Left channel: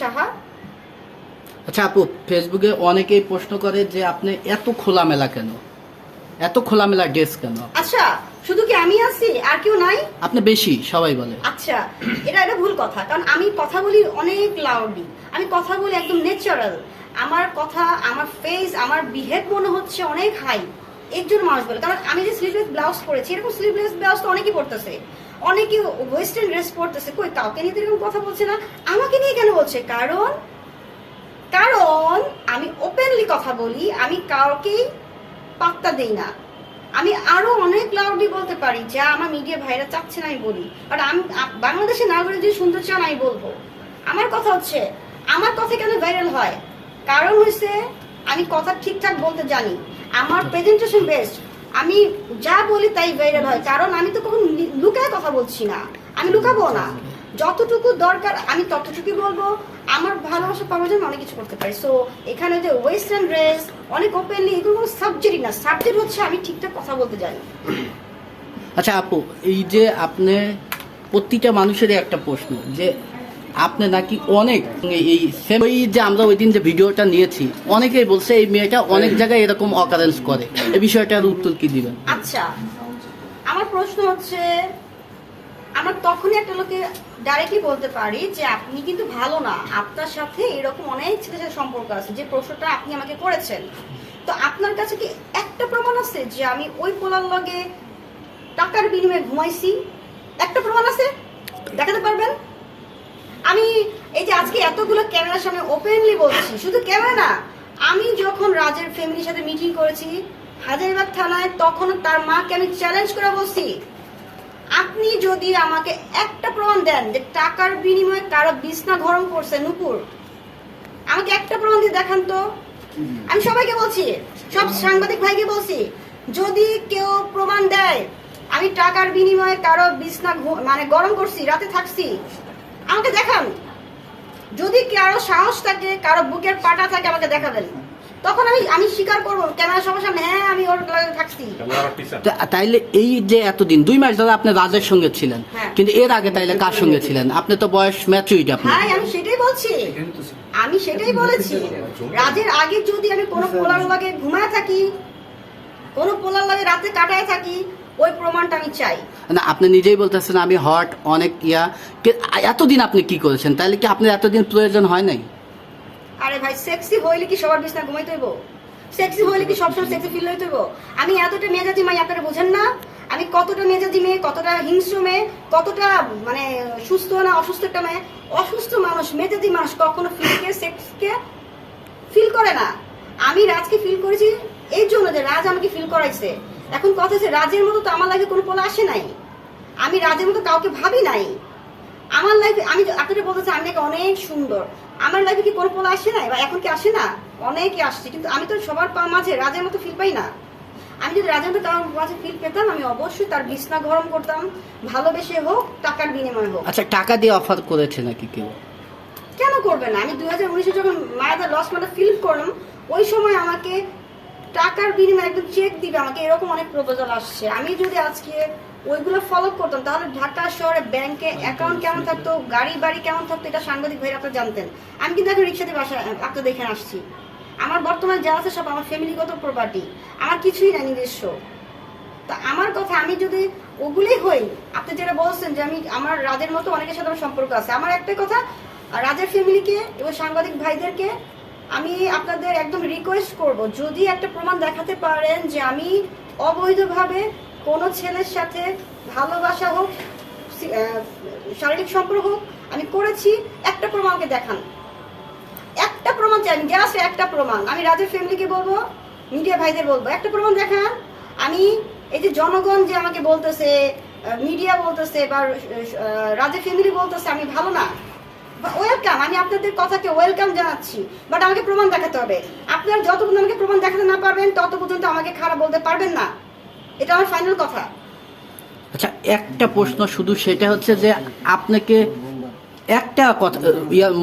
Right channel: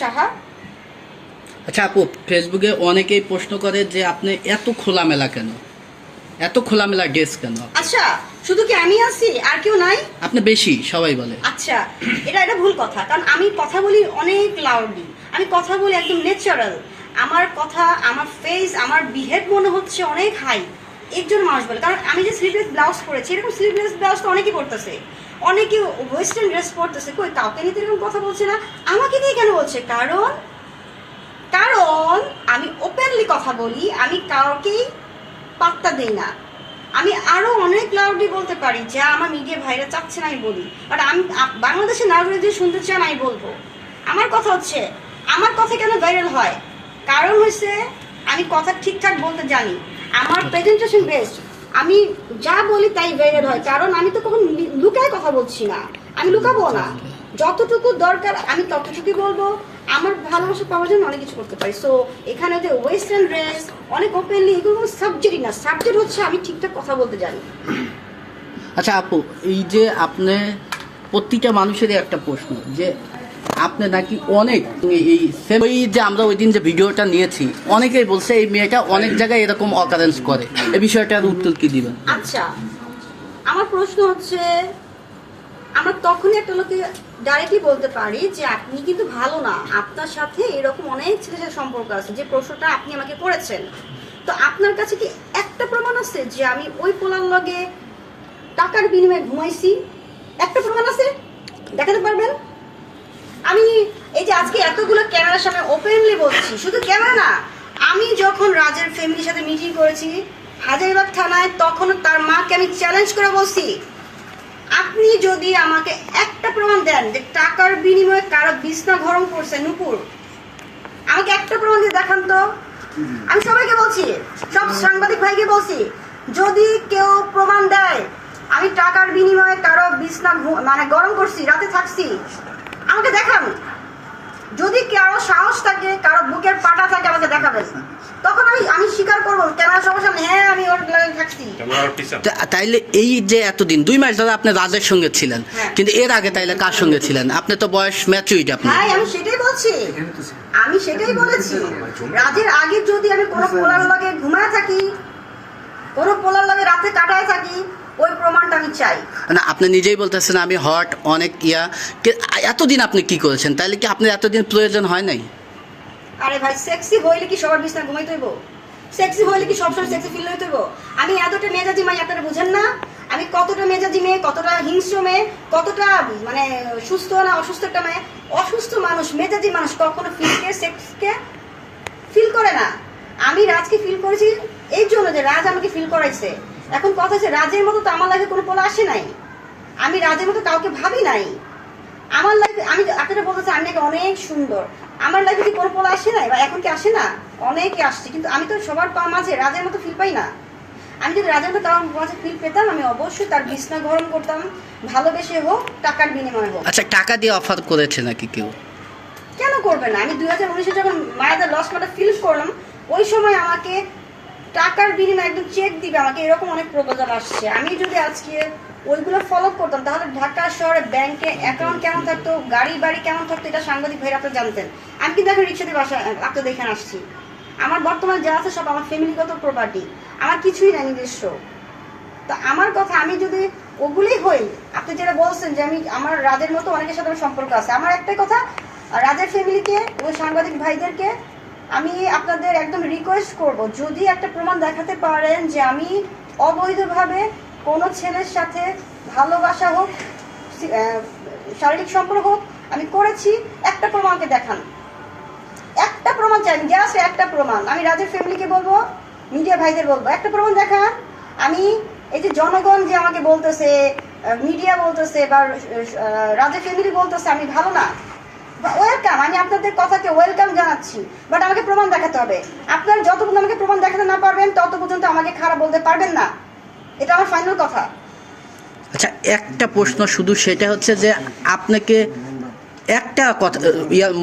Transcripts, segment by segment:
সাহা। আচ্ছা আপু ফেসবুকে অনেকেই প্রশ্ন করে যে আপনি এত খোলামেলা কেন? এত খোলামেলা ড্রেস কেন? আচ্ছা শুধু কি আমি আছি? আর কেউ নাই? আপনি বেশি সবাই বলে। আচ্ছা এটা এটা ভুল কথা কারণ আমি কথা বলি অনেক লাউডলি আমি কথা বলি একদম ন্যাচারাল আমার কথা আমার ফেস আমার বিহেভ মনে হচ্ছে অনেক হাই একজন মানুষ বলে। কারণ আমি যে স্লিভলেস ব্লাউজ পরেছি, এরকম স্লিভলেস ব্লাউজ তো অনেকেই পরতেছে। অনেকে ওয়েস্টার্ন ড্রেস পরতেছে। কই, কাউকে নিয়ে তো এরকম কথা বলছে না। আমাকে নিয়ে কেন বলছে? কারণ কারণ আমি ওপেনলি কথা বলি, আমি কাউকেই পাত্তা দিই না। আমি আরও অনেক লাউডলি বলতে পারি, যা আমার মিডিয়া ভাইরা চাচ্ছে না আমি বলি। বাট আমি বাংলাদেশের নাগরিক যদি শুনতে চান, আমি বলব। আমার কথা হচ্ছে, আমার কথা কেন ভাইরাল হয়? কারণ হচ্ছে আমি কথা ঠিকঠাক বলতে জানি। আমার প্রেজেন্টেশন বেস্ট আমি যা বলি তাই ভাইরাল হয়, কারণ আমি তো কখন লুকায় কথা বলছি না। আমি লুকাবো না। যতটুকু দরকার, আমি ততটুকুই বলব। আমার ভালোবাসা পাওয়ার জন্য অনেক কিছু করতে পারি। সো এখানে যে ওয়েস্টার্ন ড্রেস অনেক ওপেনলি এগুলো কোনো সাবজেক্টই না। সাবজেক্ট হচ্ছে আমি ঠিকঠাক কথা বলতে জানি। আচ্ছা আপু, এই যে আপনি, প্রতিটা মানুষেরই একটা প্রশ্ন যে আপনি নাকি অনেক এই ওই যে আমরা ওই দিন যে ভিডিওটা নিয়েছি, অনেকেই বলছে এই মেয়েটা অনেক জায়গায় এরকম অকারেন্স করে। এই বিষয়টার উত্তর কি দিবেন? আচ্ছা আমার প্রশ্ন হচ্ছে, আমরা তখনই একটা লোকে ডাইরেক্টলি বলতে পারি যে আপনি কিন্তু ভালো না, আপনার সাথে এরকম অনেক ছেলের সাথে সম্পর্ক আছে, যে প্রশ্নটা আপনি আমাকে করেছেন। তো আপনার কাছে কি একটা প্রমাণ আছে যে আমি ওই পোলার লগে টাকার বিনিময়ে ঘুমাইছি? একটা প্রমাণ আছে? দেখাতে পারবেন? আমি এই যে আজকে এতগুলো ক্যামেরার সামনে ওপেনলি বলছি, শুধু ক্যামেরা না, আমি যখন রাজের ফ্যামিলির সাথে মিটিং করেছি, হাজারিবাগ থানায় তখন তার মাকে আমি চ্যালেঞ্জ করে বলছি, আপনি যদি আমাকে একটা প্রমাণ দেন যে টাকার বিনিময়ে কারও বিছনা গরম করছে নুপুর, আমাকে একটা প্রমাণ দিয়ে দেখান তো। আমি সবাইকে বলছি, সব সাংবাদিক ভাইকে বলছি, যদি কেউ প্রমাণ দেয়, আমি টাকার বিনিময়ে কারও বিছনা মানে গরম করছি, রাতে থাকছি আমাকে দেখান। যদি কারও সাহস থাকে কারও বুকের পাটা থাকে আমাকে দেখাবেন। তখন আমি আমি স্বীকার করব ক্যামেরা সবার সামনে হ্যাঁ আমি ওর লগে থাকছি। তাইলে এই যে এতদিন দুই মাস ধরে আপনি রাজের সঙ্গে ছিলেন হ্যাঁ। কিন্তু এর আগে তাইলে কার সঙ্গে ছিলেন? আপনি তো বয়স ম্যাচুইড আপনি। হ্যাঁ আমি সেটাই বলছি। আমি সেটাই বলেছি। রাজের আগে যদি আমি কোনো পোলার লাগে ঘুমায় থাকি কোনো পোলার লাগে রাতে কাটায় থাকি ওই প্রমাণটা আমি চাই। না আপনি নিজেই বলতেছেন আমি হট অনেক ইয়া। এতদিন আপনি কি করেছেন? তাহলে কি আপনার এতদিন প্রয়োজন হয় নাই? আরে ভাই সেক্সি হইলে কি সবার বিছনা ঘুমাইতে হইব? সেক্সি হইলে কি সবসময় সেক্সি ফিল হইতে হইব? আমি এতটা মেজাজি মাই আপনারা বুঝেন না? আমি কতটা মেজাজি মেয়ে কতটা হিংস্র মেয়ে কতটা মানে সুস্থ না অসুস্থ একটা মেয়ে? অসুস্থ মানুষ মেজাজি মানুষ কখনো ফিলকে সেক্সকে ফিল করে না। আমি রাজকে ফিল করেছি এই জন্য যে রাজ আমাকে ফিল করাইছে। এখন কথা হচ্ছে রাজের মতো তো আমার লাইফে কোনো পোলা আসে নাই। আমি রাজের মতো কাউকে ভাবি নাই। আমার লাইফে আমি আপনারা বলতেছে আমি নাকি অনেক সুন্দর। আমার লাইফে কি কোনো পোলা আসে নাই বা এখন কি আসে না? অনেকে আসছে কিন্তু আমি তো সবার পা মাঝে রাজের মতো ফিল পাই না। আমি যদি রাজের মতো কারোর মাঝে ফিল পেতাম আমি অবশ্যই তার বিছনা গরম করতাম। ভালোবেসে হোক টাকার বিনিময়ে হোক। আচ্ছা টাকা দিয়ে অফার করেছে নাকি কেউ? কেন করবে না? আমি দু হাজার উনিশে যখন মায়াদের লস মাটা ফিল করলাম ওই সময় আমাকে টাকার বিনিময়ে একদম চেক দিবে আমাকে, এরকম অনেক প্রপোজাল আসছে। আমি যদি আজকে ওইগুলো ফলো করতাম, তাহলে ঢাকা শহরে ব্যাংকে অ্যাকাউন্ট কেমন থাকতো, গাড়ি বাড়ি কেমন থাকতো, এটা সাংবাদিক ভাইরা আপনারা জানতেন। আমি কিন্তু এখন রিক্সাতে বাসা আপনাদের দেখে আসছি। আমার বর্তমানে যা আছে সব আমার ফ্যামিলিগত প্রপার্টি আমার কিছুই নাই নিজস্ব। তা আমার কথা, আমি যদি ওগুলোই হই, আপনি যেটা বলছেন যে আমি, আমার রাজের মতো অনেকের সাথে আমার সম্পর্ক আছে। আমার একটাই কথা, রাজের ফ্যামিলিকে ও সাংবাদিক ভাইদেরকে আমি আপনাদের একদম রিকোয়েস্ট করব, যদি একটা প্রমাণ দেখাতে পারেন যে আমি অবৈধভাবে কোনো ছেলের সাথে ভালোবাসা হোক শারীরিক সম্পর্ক হোক, আমি করেছি, একটা প্রমাণকে দেখান। একটা প্রমাণ চাই জাস্ট একটা প্রমাণ। আমি রাজের ফ্যামিলিকে বলব মিডিয়া ভাইদের বলব, একটা প্রমাণ দেখান। আমি এই যে জনগণ যে আমাকে বলতেছে মিডিয়া বলতেছে বা রাজের ফ্যামিলি বলতেছে, আমি ভালো না। ওয়েলকাম আমি আপনাদের কথাকে ওয়েলকাম জানাচ্ছি। বাট আমাকে প্রমাণ দেখাতে হবে। আপনারা যত পর্যন্ত আমাকে প্রমাণ দেখাতে না পারবেন তত পর্যন্ত আমাকে খারাপ বলতে পারবেন না। এটা আমার ফাইনাল কথা। আচ্ছা একটা প্রশ্ন শুধু, সেটা হচ্ছে যে আপনাকে একটা কথা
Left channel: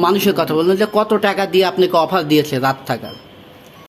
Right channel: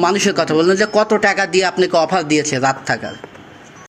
মানুষের কথা বললেন যে কত টাকা দিয়ে আপনাকে অফার দিয়েছে রাত থাকার?